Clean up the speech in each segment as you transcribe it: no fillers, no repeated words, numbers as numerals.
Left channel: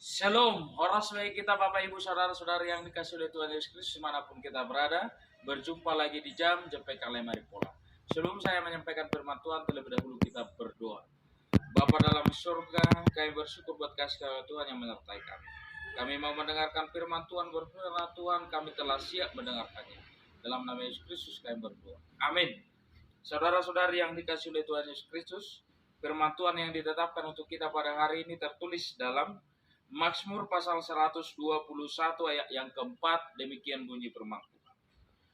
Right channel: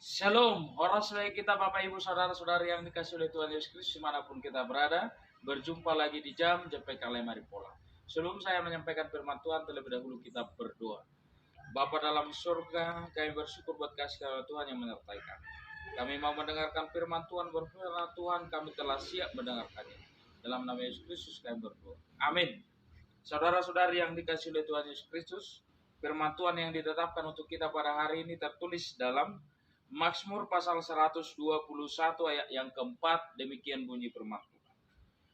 Shalom, horas baik kita Bapak Ibu Saudara-saudari yang dikasih oleh Tuhan Yesus Kristus dimanapun kita berada. Berjumpa lagi di jam Jepek Kalai Maripola. Sebelum saya menyampaikan firman Tuhan, terlebih dahulu kita berdoa. Bapa dalam surga, kami bersyukur buat kasih karunia Tuhan yang menyertai kami. Kami mau mendengarkan firman Tuhan, berfirman Tuhan, kami telah siap mendengarkannya. Dalam nama Yesus Kristus kami berdoa. Amin. Saudara-saudari yang dikasih oleh Tuhan Yesus Kristus, firman Tuhan yang ditetapkan untuk kita pada hari ini tertulis dalam Mazmur pasal 121 ayat yang keempat, demikian bunyi firman Tuhan.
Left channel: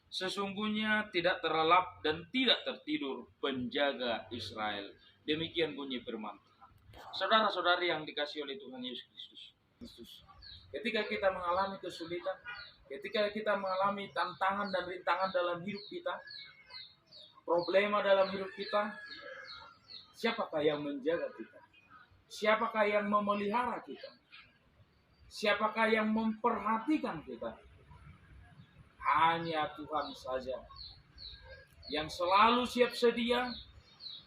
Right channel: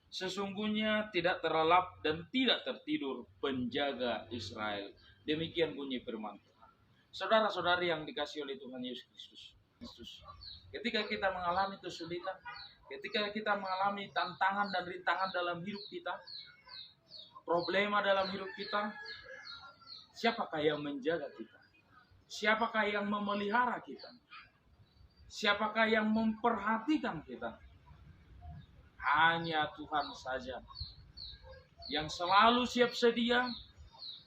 Sesungguhnya tidak terlelap dan tidak tertidur penjaga Israel. Demikian bunyi firman Tuhan. Saudara-saudari yang dikasih oleh Tuhan Yesus Kristus. Ketika kita mengalami kesulitan, ketika kita mengalami tantangan dan rintangan dalam hidup kita, problema dalam hidup kita, siapakah yang menjaga kita? Siapakah yang memelihara kita? Siapakah yang memperhatikan kita? Hanya Tuhan saja yang selalu siap sedia,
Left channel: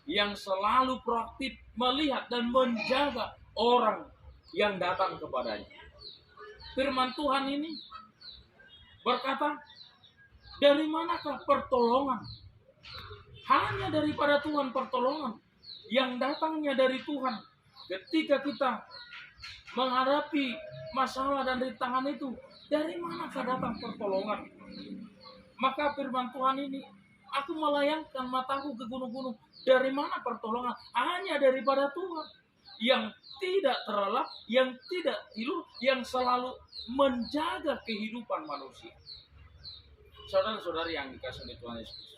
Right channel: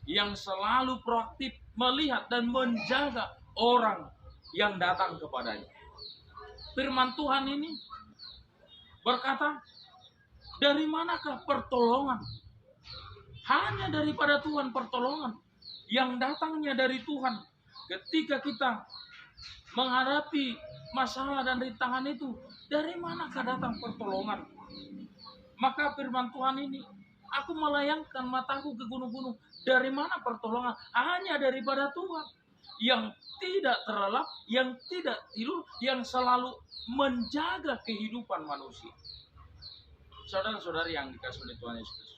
yang selalu proaktif melihat dan menjaga orang yang datang kepadanya. Firman Tuhan ini berkata, dari manakah pertolongan? Hanya daripada Tuhan pertolongan yang datangnya dari Tuhan. Ketika kita menghadapi masalah dan rintangan itu, dari manakah datang pertolongan? Maka firman Tuhan ini, aku melayangkan mataku ke gunung-gunung. Dari mana pertolongan? Hanya daripada Tuhan yang tidak terlelap, yang tidak tidur, yang selalu menjaga kehidupan manusia. Saudara-saudari yang dikasih oleh Tuhan Yesus Kristus.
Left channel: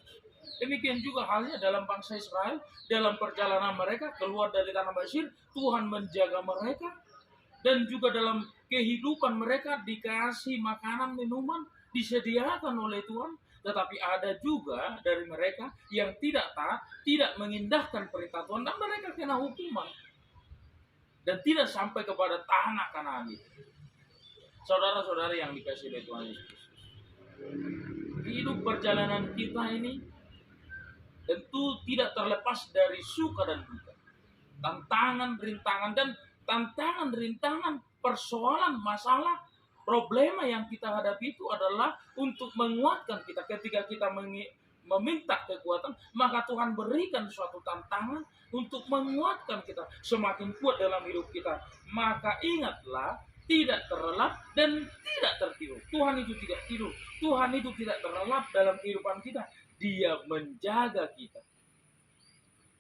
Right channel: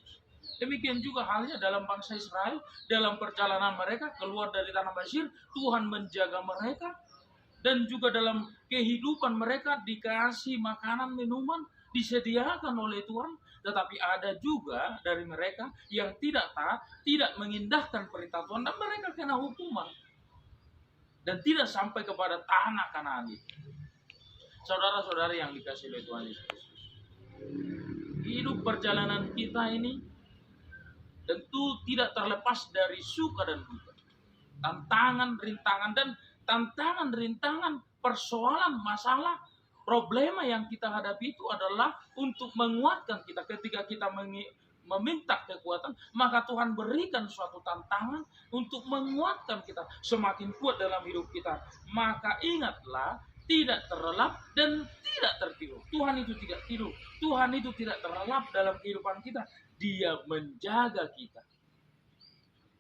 Demikian juga halnya dalam bangsa Israel, dalam perjalanan mereka keluar dari tanah Mesir, Tuhan menjaga mereka. Dan juga dalam kehidupan mereka dikasih makanan, minuman, disediakan oleh Tuhan. Tetapi ada juga dari mereka yang tidak taat, tidak mengindahkan perintah Tuhan, dan mereka kena hukuman. Dan tidak sampai kepada tanah Kanaan itu. Saudara-saudari yang dikasih oleh Tuhan Yesus Kristus. Hidup perjalanan kita ini tentu tidak terlepas dari suka dan duka. Tantangan, rintangan, persoalan, masalah, problema yang kita hadapi itu adalah untuk menguatkan kita. Ketika kita meminta kekuatan, maka Tuhan berikan suatu tantangan untuk menguatkan kita semakin kuat dalam hidup kita. Maka ingatlah, tidak terlelap dan tidak tertidur. Tuhan itu tidak tidur. Tuhan itu tidak terlelap dalam kehidupan kita. Dia menjaga kita.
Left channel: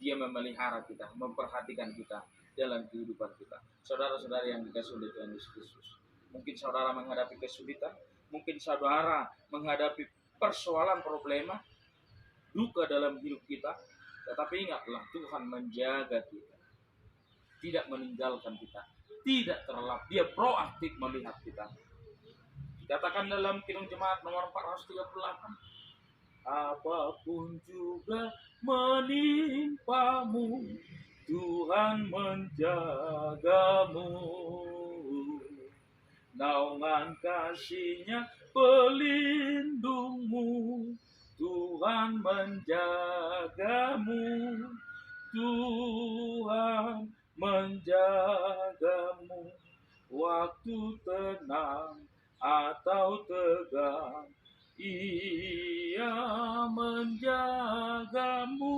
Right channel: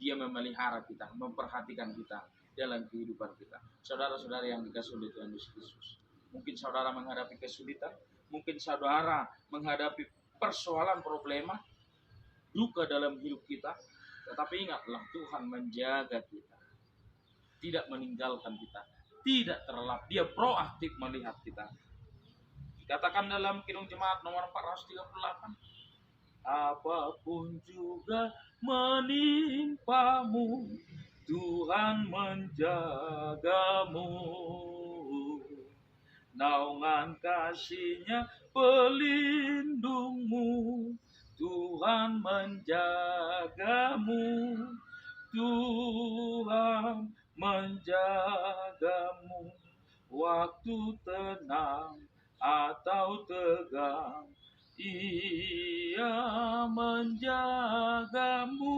Dia memelihara kita, memperhatikan kita dalam kehidupan kita. Saudara-saudara yang dikasih oleh Tuhan Yesus Kristus. Mungkin saudara menghadapi kesulitan, mungkin saudara menghadapi persoalan, problema, duka dalam hidup kita. Tetapi ingatlah, Tuhan menjaga kita. Tidak meninggalkan kita. Tidak terlelap. Dia proaktif melihat kita. Dikatakan dalam Kidung Jemaat nomor 438. Apapun juga menimpamu, Tuhan menjagamu. Naungan kasih-Nya pelindungmu, Tuhan menjagamu. Tuhan menjagamu. Waktu tenang atau tegang, Ia menjagamu.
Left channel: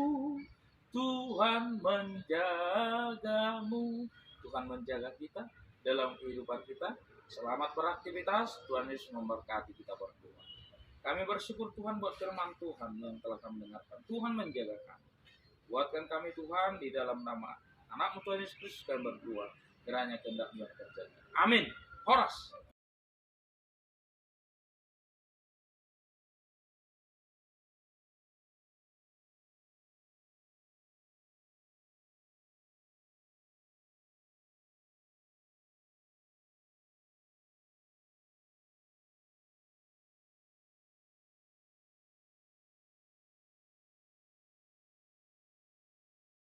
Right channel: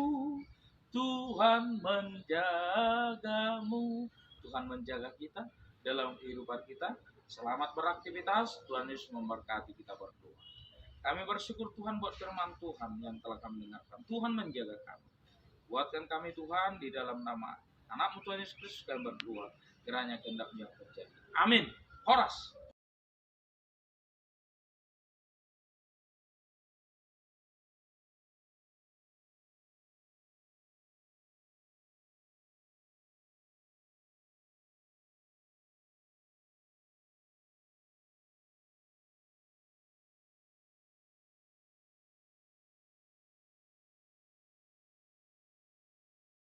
Tuhan menjagamu. Tuhan menjaga kita dalam kehidupan kita. Selamat beraktivitas. Tuhan Yesus memberkati kita berdua. Kami bersyukur Tuhan buat firman Tuhan yang telah kami dengarkan. Tuhan menjaga kami. Buatkan kami Tuhan di dalam nama Anak-Mu Tuhan Yesus Kristus kami berdoa. Kiranya kehendak-Nya terjadi. Amin. Horas.